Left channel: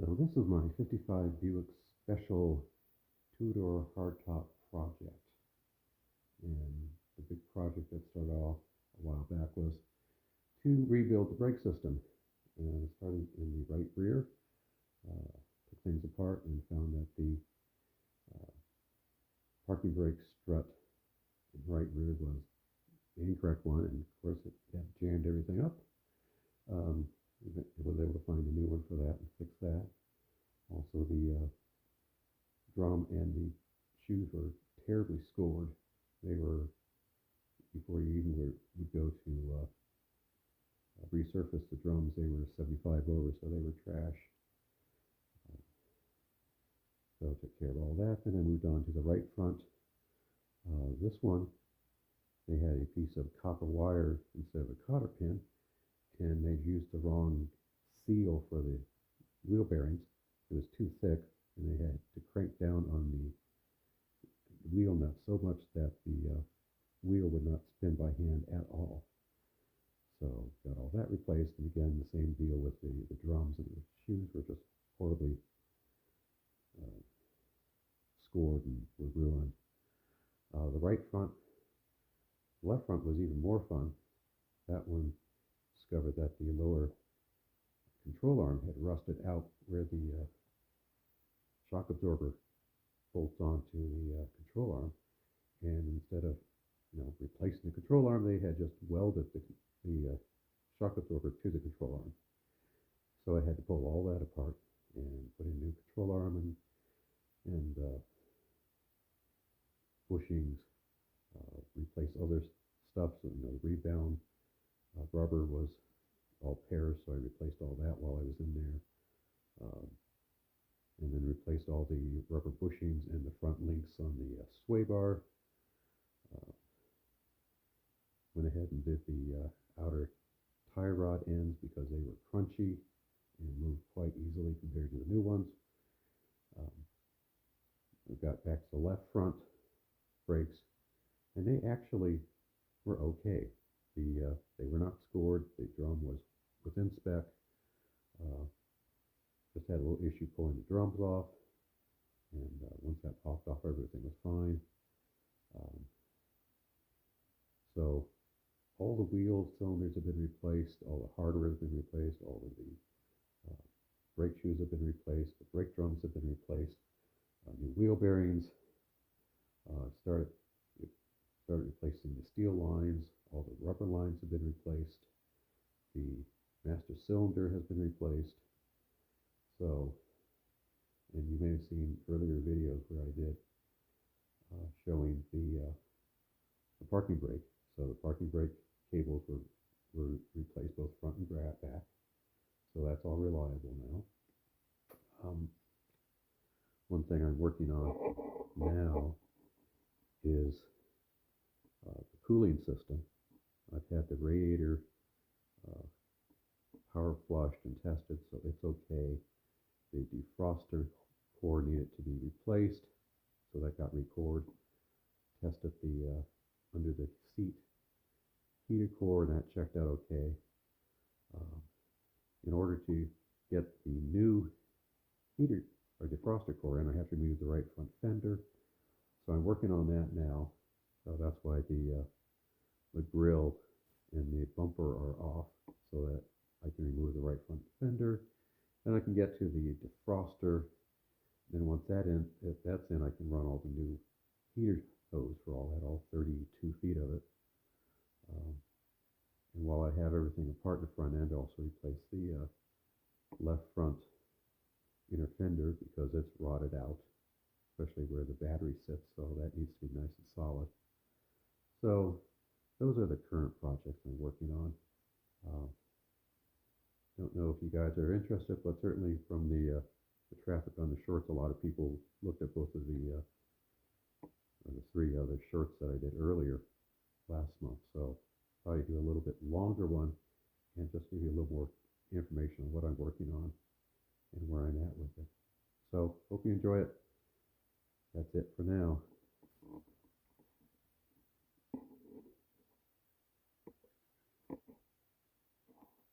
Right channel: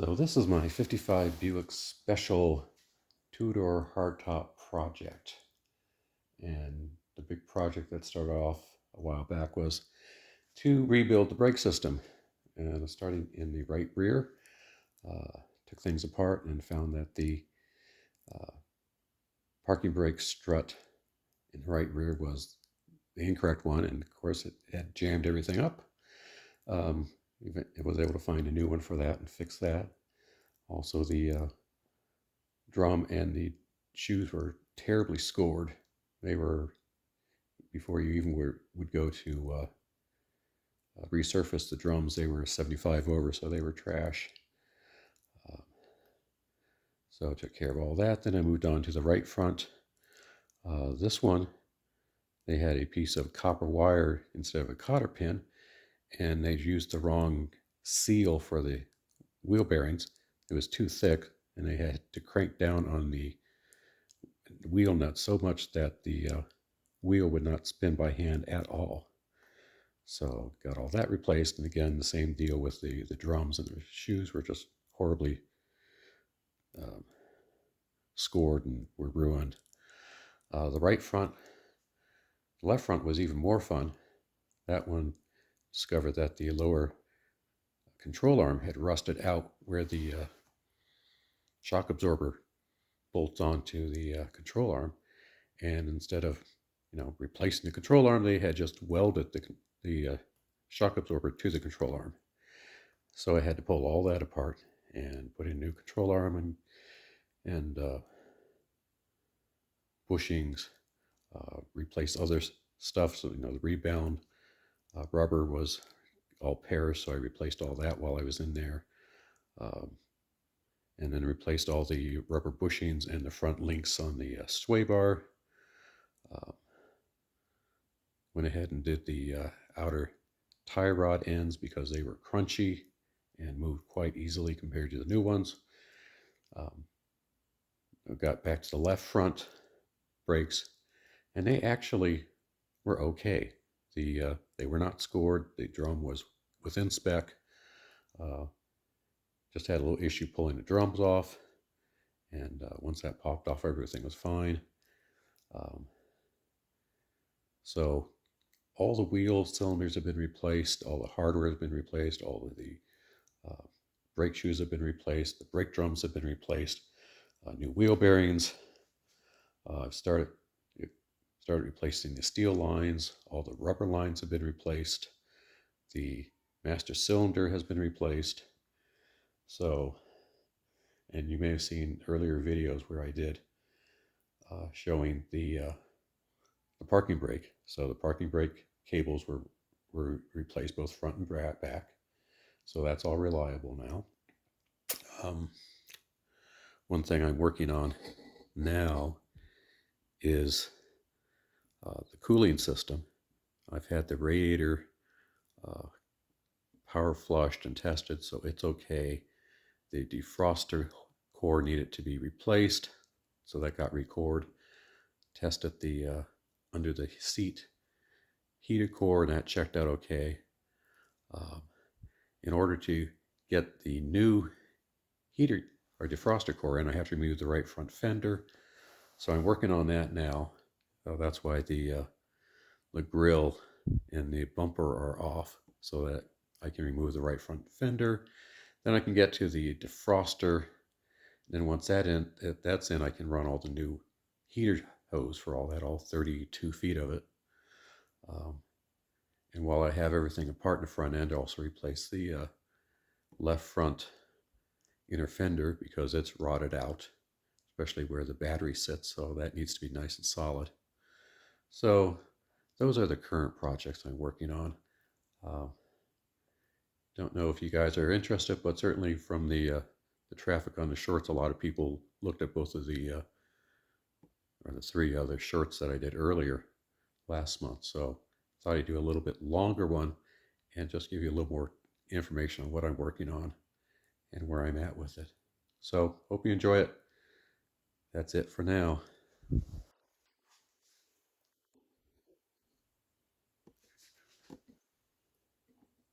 So this is my 55 Buick Special two-door hardtop project. And the big project that started off a while back was to rebuild the brake system. And starting in the right rear, took things apart and found that the uh, parking brake strut in the right rear was the incorrect one. And of course it had jammed everything up. Um, I was able to find a new one for that and fix that. Also the drum and the shoes were terribly scored. They were, before you even would go to resurface the drums, they were 75 over, so they were trash. Uh, so I took care of all that. Then I moved on to the right front. This one, they had a piece of copper wire instead of a cotter pin, and they used the wrong seal for the wheel bearings. It was too thick, and they had to crank down on the wheel nut so much that the wheel would not spin by hand at all. So got all that replaced, and again the same deal with the drums, and the shoes were just horribly um, scored and were ruined. The right front, the left front was even more fun. That one discovered that the lower control arm had rusted out where the shock absorber bolts onto the control arm, and instead of replacing the control arm, they had just welded the shock absorber to the control arm. So I had to pull all that apart and put in a new control arm and bushings, replace other stuff. So the rebound rubber was all pairs, so I replaced all that while I was in there. And then replaced all the rubber bushings and the front links on the sway bar. Went ahead and did the outer tie rod ends because they were crunchy and moved quite easily compared to the new ones. I got back to the left front brakes, and they actually were okay. They were not scored. The drum was within spec. Just had a little issue pulling the drums off, and once that popped off, everything was fine. So all the wheel cylinders have been replaced, all the hardware has been replaced, all of the brake shoes have been replaced, the brake drums have been replaced, new wheel bearings. I've started replacing the steel lines, all the rubber lines have been replaced, the master cylinder has been replaced. So, and you may have seen earlier videos where I did showing the parking brake. So the parking brake cables were replaced both front and back. So that's all reliable now. One thing I'm working on now is the cooling system. I've had the radiator power flushed and tested, so it's okay. The defroster core needed to be replaced, so that got recored. Tested the under the seat heated core, and that checked out okay. In order to get the new heater or defroster core in, I have to remove the right front fender. So I'm working on that now. So that's why the grill and the bumper are off, so that I can remove the right front fender. Then I can get to the defroster. Then once that's in, I can run all the new heater hose for all 32 feet of it. And while I have everything apart in the front end, I also replace the left front inner fender because it's rotted out, especially where the battery sits, so that needs to be nice and solid. So those are the current projects I'm working on. Don't know if you guys are interested, but certainly from the traffic on the shorts, a lot of people looked at both of the three other shorts that I did earlier last month. So I thought I'd do a little bit longer one and just give you a little more information on what I'm working on and where I'm at with it. So hope you enjoy it. That's it for now.